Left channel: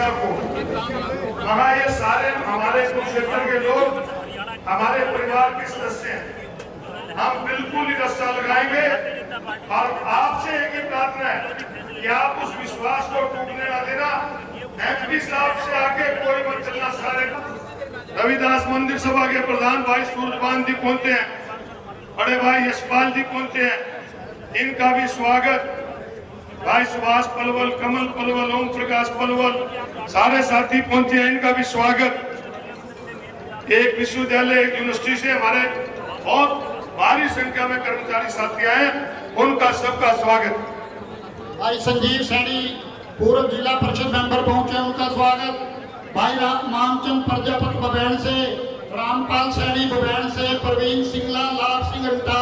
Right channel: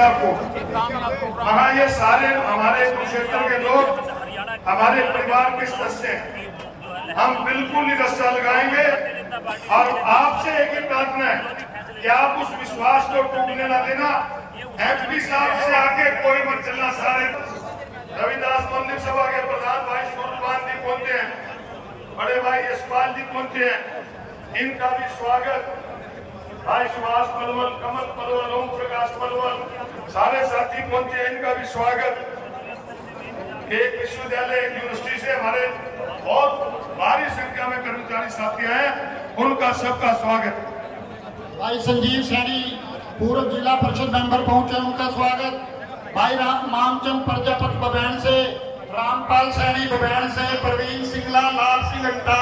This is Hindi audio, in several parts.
वहाँ ये सारे हमारे क्षेत्र के लोग हमारे परिवार के सदस्य हैं। हम बिल्कुल ही रास्ता लगाएंगे और आपसे एक ही प्रार्थना है कि आप उस विश्वास को टूटने ना देना। एमपी साहब से आगे कोई मत चलना। सारे रविदास मंदिर सभा के प्रधान भाई सूर्यपान जी पहुंचे हैं, बड़े भाई यशपाल जी पहुंचे हैं, इनका भी स्वागत। भाई सुभाष पलवल, कमल पलवल, ओम प्रकाश पलवल, सारे साथी पहुंचे हैं, इनका भी स्वागत। एक विश्वविद्यालय यूनिवर्सिटी से हमारे बहुत भारी संख्या में कर्मचारी साथी आए हैं, उनका सबका स्वागत। भाई संजीव सैनी पूर्व जिला परिषद मेंबर पहुंचे, उनका स्वागत। भाई मामचंद प्रजापति बबैन से, रामपाल सैनी बबैन से, प्रवीण सिंगला, लाल सिंह अंटा।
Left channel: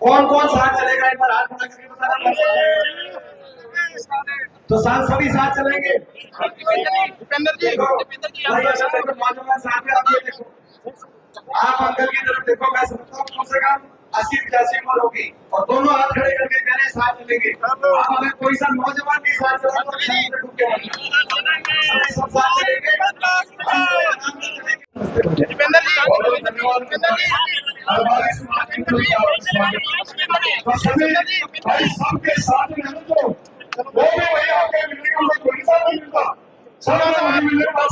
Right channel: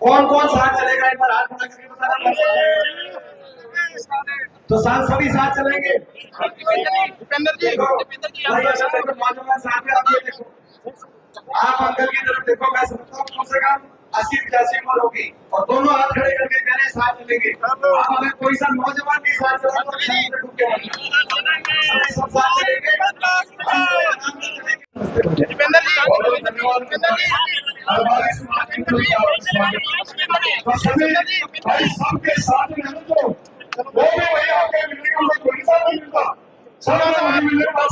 कौन कौन साथ चलेगा एक बार हाथ उठा करके बताना। तो साथ सभी साथ चलेंगे। दीपेंद्र जी, नौजवान साथ में आप ये देखो, आप अंकल की तरफ देखो, मैं समझता हूँ कम से कम 80-85 उम्र होगी और दोनों हाथ खड़े करके कह रहे साथ चलेंगे। आप अगर कोई सा नौजवान भी साथ चला तो सब साथ चलेंगे। दीपेंद्र जी, भाई सबके साथ में तो वो भी वही आपके मिलने का कोई साथ नहीं मिलता, सब वही मिलने का।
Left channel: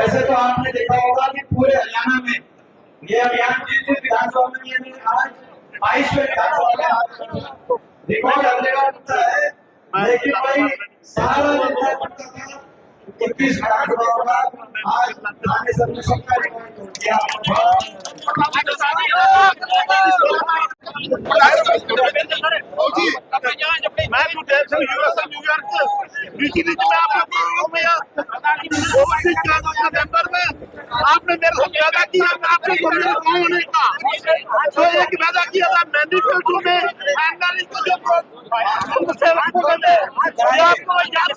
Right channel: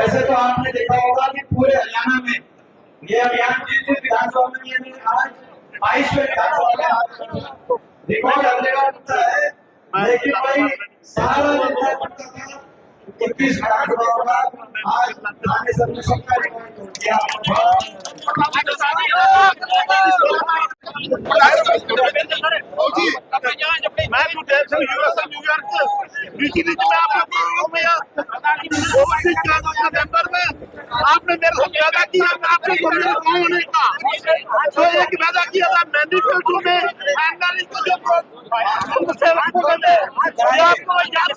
ऐसे तो आपने देखा होगा कि पूरे हरियाणा में ये अभियान जिस विधानसभा में आज 22वें विधानसभा रिकॉर्ड अपने का है, लेकिन भाई सारा जनता करता था 21 विधानसभा होगा आज आने सबने सबका रिकॉर्ड तोड़ दिया। मैं आपने मेरे को वादा किया, आपने होने का जो एक वादा किया था मैनिफेस्टो में आपको याद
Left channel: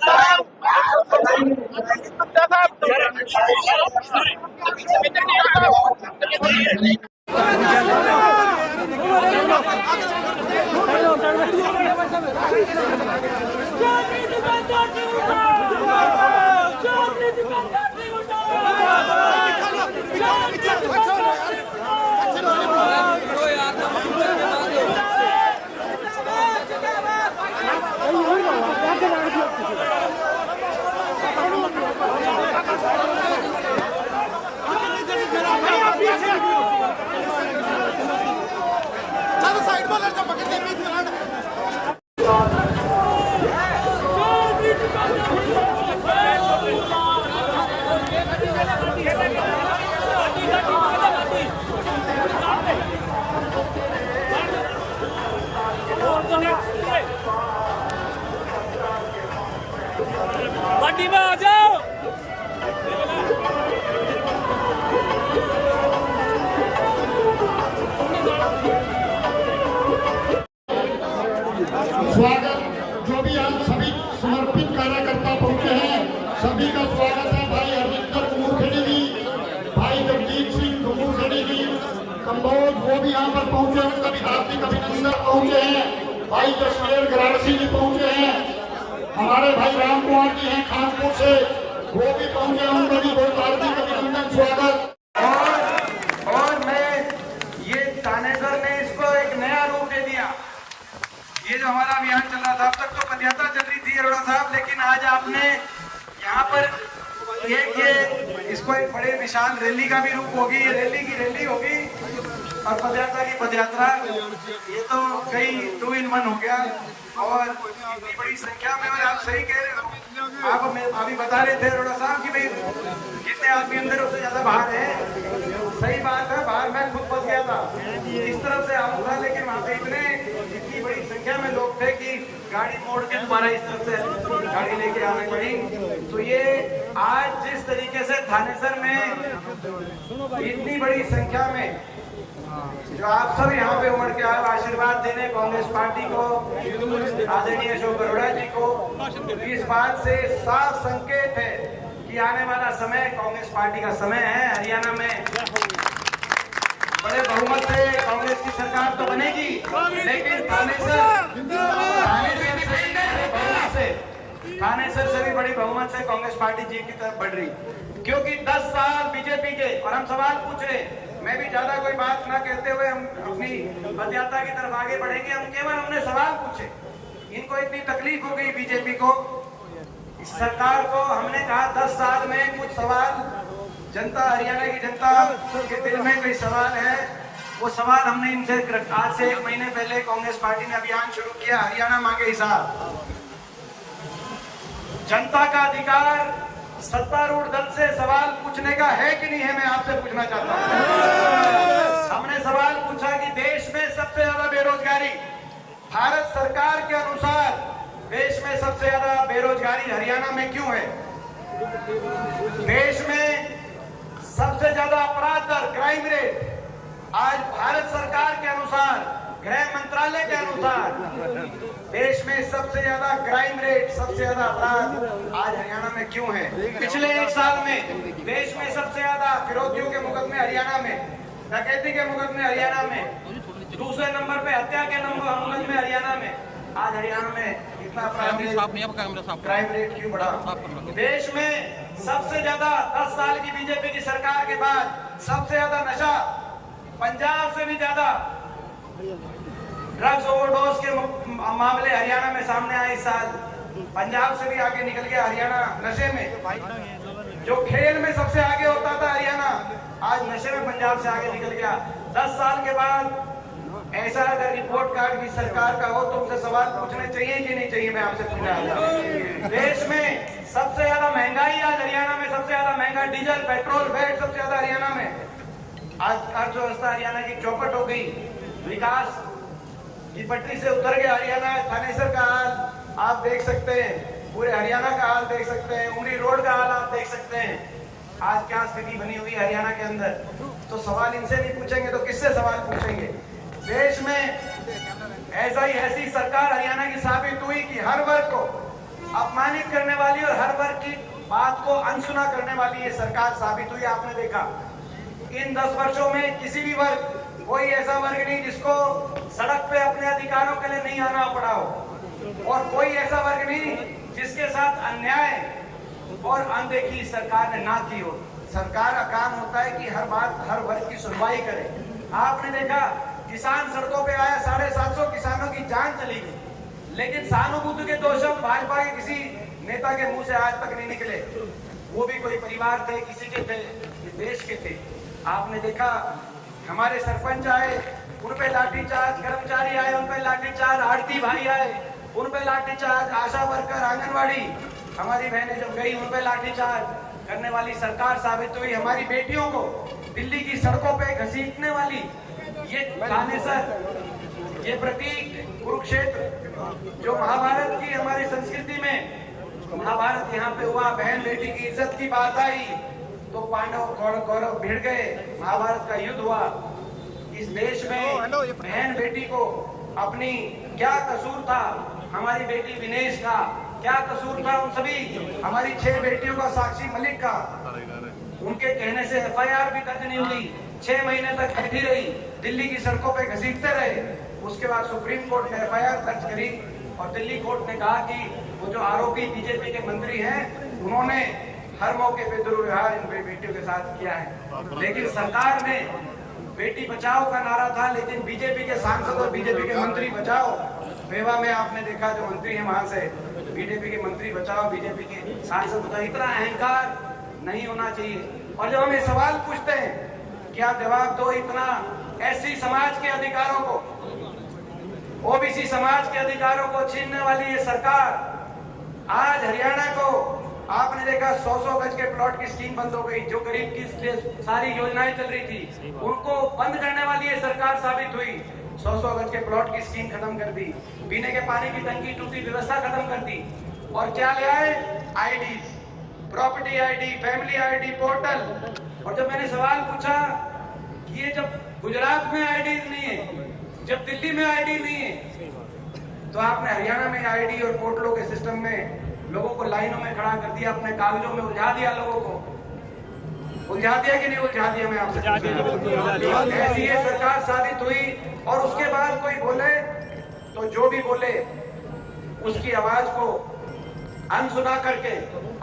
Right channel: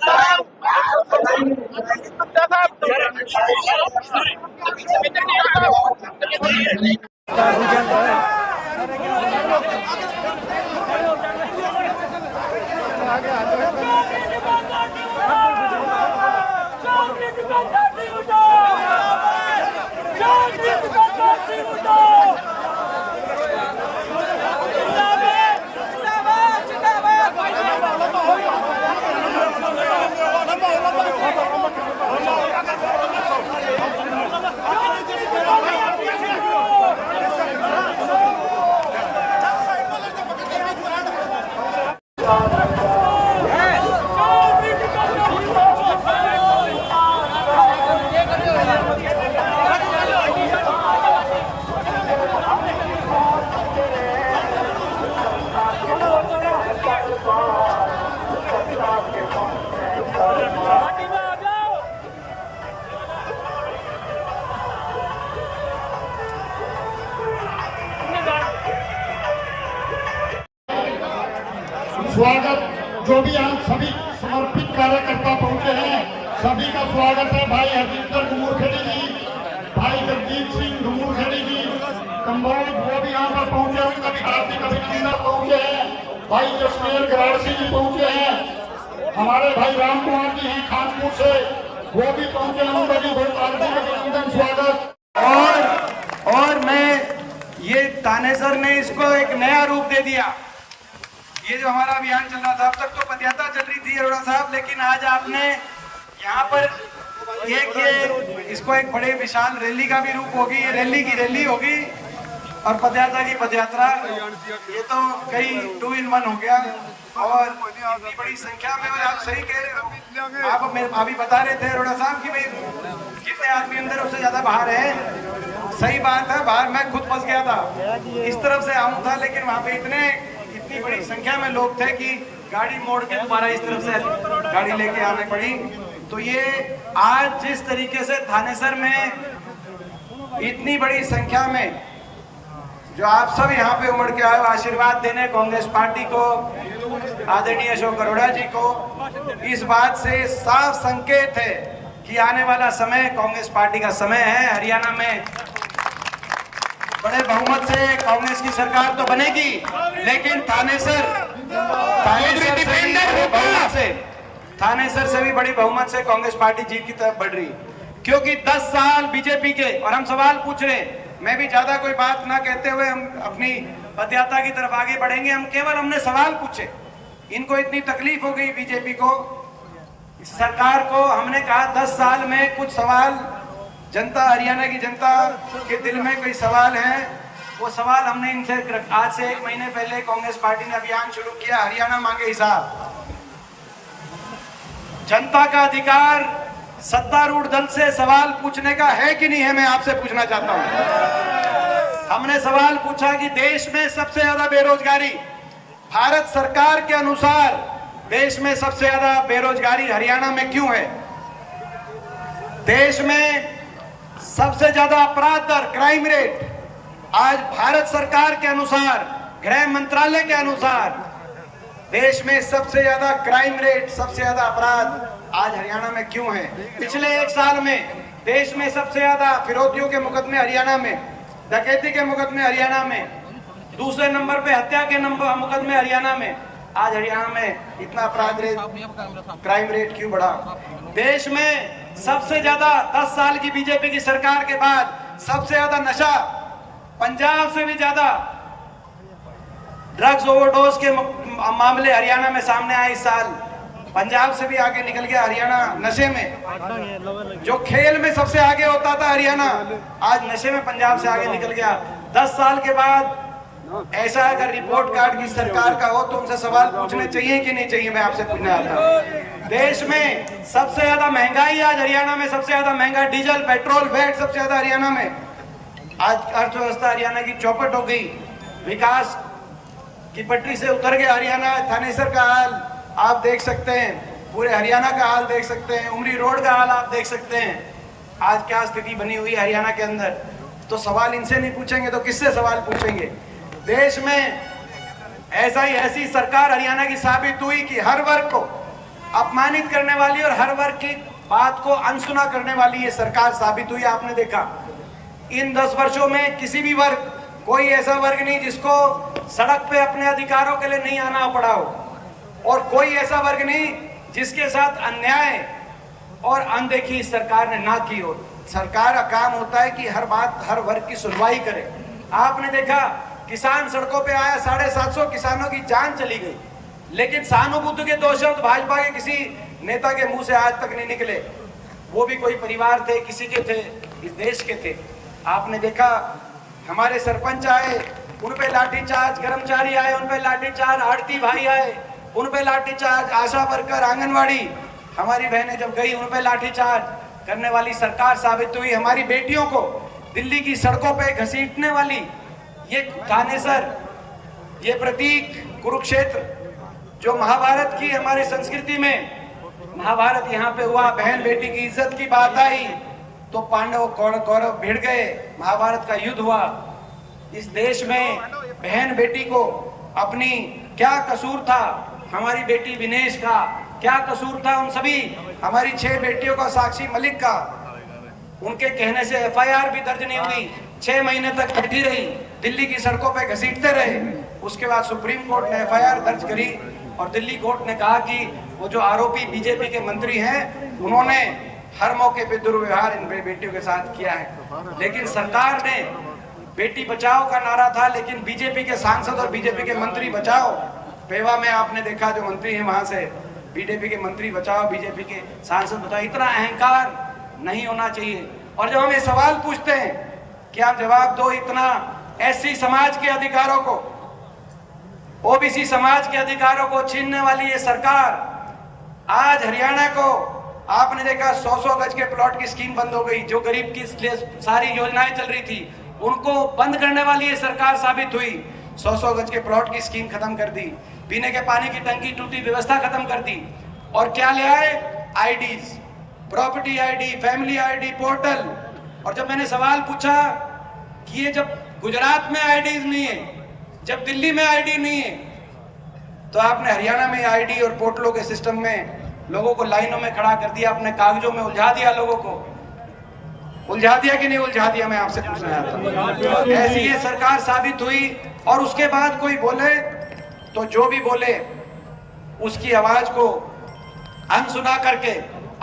कंबोज वो भी यहाँ पर पहुंचे हैं, भारतीय कमिश्नर पहुंचे हैं, भाई जसमेर गरासी जी पहुंचे हैं, हमारे भाई राम कुमार जी हैं खानपुर से, वो भी पहुंचे हैं, उनका भी बहुत हार्दिक अभिनंदन स्वागत। और मैं ये थानेसर ने इसको एक नया रूप दे दिया। ये जो हमारा अभियान चल रहा था, अब तक तो पदयात्रा चल रही थी अरोड़ा साहब, लेकिन आज आपने यहाँ पर इसको एक बड़े विशाल रैली का भी रूप होगी, रैली की रैली होगी और पदयात्रा की पदयात्रा। ये तो कई 2 in 1 हो गया। और इतनी बड़ी संख्या में, आप सही कह रहे हो, आप अभी बता रहे थे अरोड़ा साहब कि भाई जितने आदमी अंदर उससे ज्यादा बाहर है। सही बात है, बाहर मैं खुद फंस गया था, इस तरफ से आऊँ था, लेकिन वहाँ पे इतनी बड़ी संख्या में लोग थे कि गाड़ी मोड़ के दोबारा इस तरफ से गाड़ी लेके आने पड़ी। तो ये आज जिस तरीके से थानेसर में इतनी बड़ी संख्या में जो आप सब यहाँ पे उमड़ के आए आशीर्वाद देने कांग्रेस पार्टी को, आदरणीय अशोक अरोड़ा जी को, इस बात से साफ संकेत है कि आने वाला समय कांग्रेस पार्टी का समय है। हरियाणा में बड़े बहुमत से कांग्रेस की सरकार तो बनेगी, लेकिन थानेसर से भी बड़ी बहुमत से कांग्रेस पार्टी जीत की तरफ बढ़ रही, क्योंकि 10 साल बीजेपी के। और हम सवाल पूछ रहे, मैं भी ज्यादा कोई बात ना कहते हुए हम अपनी पदयात्रा की तरफ आगे बढ़ेंगे। हमने सवाल पूछे, इनको इतनी तकलीफ हो गई बीजेपी को, सरकार को। हमने कहा 10 साल में कुछ सवाल जनता, हरियाणा की जनता के दिल में कोई सवाल है, वो सवाल हमने इनसे आज से 1 महीने पहले कांग्रेस पार्टी ने अभियान शुरू किया, हरियाणा मांगे हिसाब। जनता का अधिकार सत्तारूढ़ दल से सवाल पूछने का है कि नहीं है, मैं आपसे पूछना चाहता हूं। हमने सवाल पूछा कि देश में सबसे ज्यादा बेरोजगारी, भारत सरकार के अनुसार देश में सबसे ज्यादा बेरोजगारी हरियाणा में क्यों है? देश में सबसे ज्यादा अपराध दर, क्राइम रेट, आज भारत सरकार के अनुसार, गृह मंत्रालय के अनुसार देश में सबसे ज्यादा क्राइम रेट, सबसे ज्यादा अपराध आज हरियाणा में क्यों है? पिछले 1 साल में देश में सबसे ज्यादा फिरौतियों के मुकदमे हरियाणा में, डकैती के मुकदमे हरियाणा में, दूसरे नंबर पे हत्या के मुकदमे हरियाणा में। आज हरियाणा में इतना अपराध रेट, क्राइम रेट क्यों बढ़ा? देश में सबसे ज्यादा 10 साल की बीजेपी की सरकार के बाद सबसे ज्यादा नशा, पंजाब से भी ज्यादा ड्रग्स ओवरडोज के मामले हरियाणा में सामने आए इस साल। पंजाब से भी आगे निकल गया हरियाणा नशे में। जो खेल में सबसे आगे होता था हरियाणा, आज नशे में पंजाब से आगे निकल गया। 10 साल के बाद ऐसा अगर रिपोर्ट कार्ड की सरकार का हो तो उनसे सवाल पूछने चाहिए कि नहीं चाहिए, मैं आपसे पूछना आता। देश में सबसे ज्यादा महंगाई आज हरियाणा में, सबसे ज्यादा महंगा डीजल, पेट्रोल, वैट सबसे ज्यादा हरियाणा में। आज अर्थव्यवस्था हरियाणा की चौपट हो गई, विकास की पटरी से उतर गया हरियाणा। थानेसर का हाल आप देख सकते हैं, पूरे हरियाणा का हाल देख सकते हैं, उमरी रोड का हाल आप देख सकते हैं। आज क्या स्थिति बनी हुई है हरियाणा के अंदर। तो सवाल इनसे नहीं पूछेंगे तो किससे सवाल पूछेंगे? देश में ऐसी सरकार हरियाणा की साबित हुई कि हर वर्ग को अपमानित करने वाली और हर वर्ग की बात को अनसुना करने वाली ये सरकार साबित हुई। आपने देखा इन 10 वर्षों में किसी भी वर्ग, कोई ऐसा वर्ग नहीं जिसको सड़क पे अपने अधिकारों के लिए नहीं आना पड़ा हो, और कोई ऐसा वर्ग नहीं जिसके साथ अन्याय और अनदेखी इस सरकार ने ना की हो। सरकार का काम होता है कि हर बात, हर वर्ग की सुनवाई करे। आपने देखा किसान सड़कों पे आया, 750 किसानों की जान चली गई, लेकिन सहानुभूति के 2 शब्द भाजपा के किसी नेता के मुंह से आज तक नहीं निकले। वो भी कोई परिवार थे, किसी के थे, इस देश के थे। आपने देखा हमारे सरपंच आए, उन पे लाठीचार्ज, कर्मचारी आए उन पे लाठीचार्ज, आड़ती भाई आए उन पे लाठीचार्ज, आशा वर्कर, आंगनवाड़ी हमारी बहनें जब गई उन पे लाठीचार्ज करने वाली सरकार साबित हुई। हमारी बेटियों को दिल्ली की सड़कों पे घसीटने वाली ये थानेसर, ये प्रतीक कुरुक्षेत्र जो महाभारत की हमारी संस्कृति में, महाभारत यहाँ पे हुआ, बहन बेटी की इज्जत की बात आई तो पांडव कौरव भिड़ गए, महाभारत का युद्ध हुआ। इस देश में बहन बेटी को अपनी क्या कसूर था, हमारी बेटी विनेश का क्या कसूर था, उन सभी हमारी 6 बेटियों का, साक्षी मलिक का, उनके कहने से FIR भी दर्ज नहीं हुई। 6 महीने तक बैठी रही, दिल्ली की सड़कों पे घसीटते रहे। उसके बाद सुप्रीम कोर्ट ने FIR दर्ज करी और दिल्ली कोर्ट ने कहा कि वो जो आरोपी बीजेपी के मंत्री हैं उन्होंने हर मौके पे दुर्व्यवहार इन बेटियों के साथ किया है। लेकिन सरकार ने बेटी बचाओ का नारा था, लेकिन बीजेपी के सांसद और बीजेपी के मंत्री बचाओ। बेवा में आपने देखा जो मंत्री है वहां से बीजेपी के मंत्री बचाओ, बीजेपी के सांसद बचाओ। इतना अहंकार नहीं होना चाहिए। और जब हम ये सवाल पूछते हैं कि आप जवाब दो, इतना SC समाज के अधिकारों को, OBC समाज के अधिकारों को छीनने वाली ये सरकार, आज हरियाणा को आपने देखा 100-100 गज के प्लॉट की स्कीम बंद हो गई। जो गरीब की लिए सारी योजनाएं चल रही थी उनको बंद करने वाली ये सरकार साबित हुई। 100-100 गज के प्लॉट की स्कीम खत्म कर दी, पीने के पानी की टंकी टूटी व्यवस्था खत्म कर दी। और क्या ले आए? IDs, property ID, family ID, portal. और जब मैंने सवाल पूछा कि ये जब गुजरात में IDs नहीं है, जब दिल्ली में ID नहीं है, तो आपने हरियाणा में ID और पोर्टलों के सिस्टम में लोगों को लाइनों में खड़ा कर दिया, अपने कागजों में उलझा दिया, लोगों को उलझा दिया कि नहीं उलझा दिया? मैं आपसे पूछ रहा हूं। ऐसी ये सरकार साबित हुई। और उसके बाद कोई बोले तो जो भी बोले उसकी आवाज को अनसुना करके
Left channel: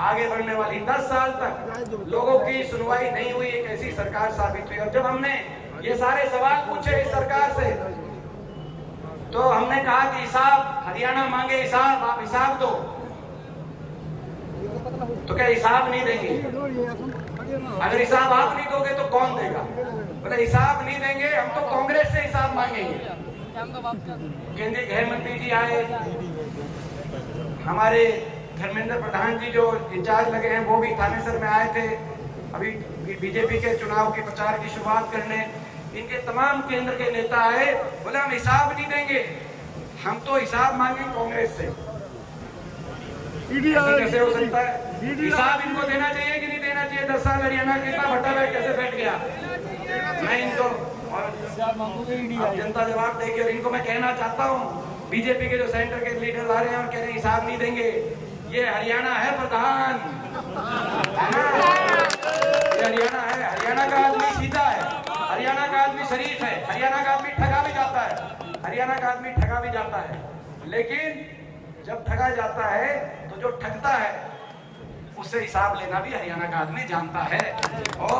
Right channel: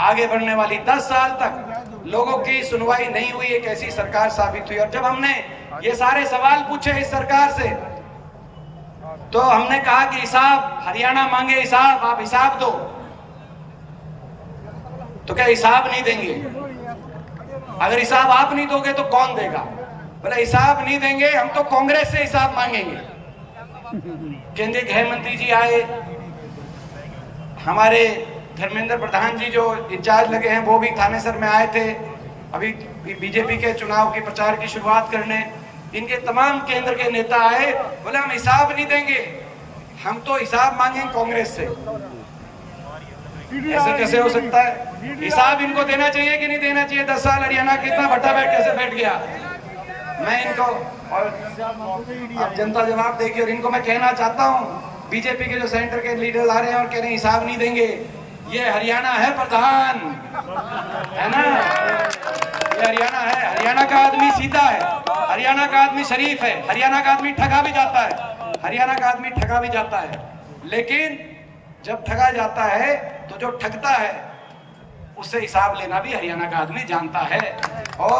आगे बढ़ने वाली 10 साल तक लोगों की सुनवाई नहीं हुई, एक ऐसी सरकार साबित हुई। और जब हमने ये सारे सवाल पूछे इस सरकार से तो हमने कहा कि हिसाब, हरियाणा मांगे हिसाब, आप हिसाब दो। तो क्या हिसाब नहीं देंगे? अगर हिसाब आप नहीं दोगे तो कौन देगा? बोले हिसाब नहीं देंगे, हम तो कांग्रेस से हिसाब मांगेंगे। केंद्रीय गृह मंत्री जी आए, हमारे धर्मेंद्र प्रधान जी जो इंचार्ज लगे हैं वो भी थानेसर में आए थे अभी बीजेपी के चुनाव की प्रचार की शुरुआत करने। इनके तमाम केंद्र के नेता आए, बोले हम हिसाब नहीं देंगे, हम तो हिसाब मांगेंगे कांग्रेस से। ऐसे कैसे हो सकता है? हिसाब इनको देना चाहिए कि नहीं देना चाहिए? 10 साल हरियाणा कितना भट्टा बैठ कैसे बैठ गया? मैं इनको और जनता जवाब देगी। और इनको मैं कहना चाहता हूँ, बीजेपी के जो सेंटर के लीडर आ रहे हैं और कह रहे हैं हिसाब नहीं देंगे, ये हरियाणा है प्रधान, है ना? ये हरियाणा है। हरियाणा का आदमी सीधा है, हरियाणा का आदमी शरीफ है, हरियाणा का आदमी ठगा भी जाता है, हरियाणा का आदमी ठगा भी जाता है। लेकिन जब ठगा जाता है तो जो ठगता है उससे हिसाब लेना भी हरियाणा का आदमी जानता है। और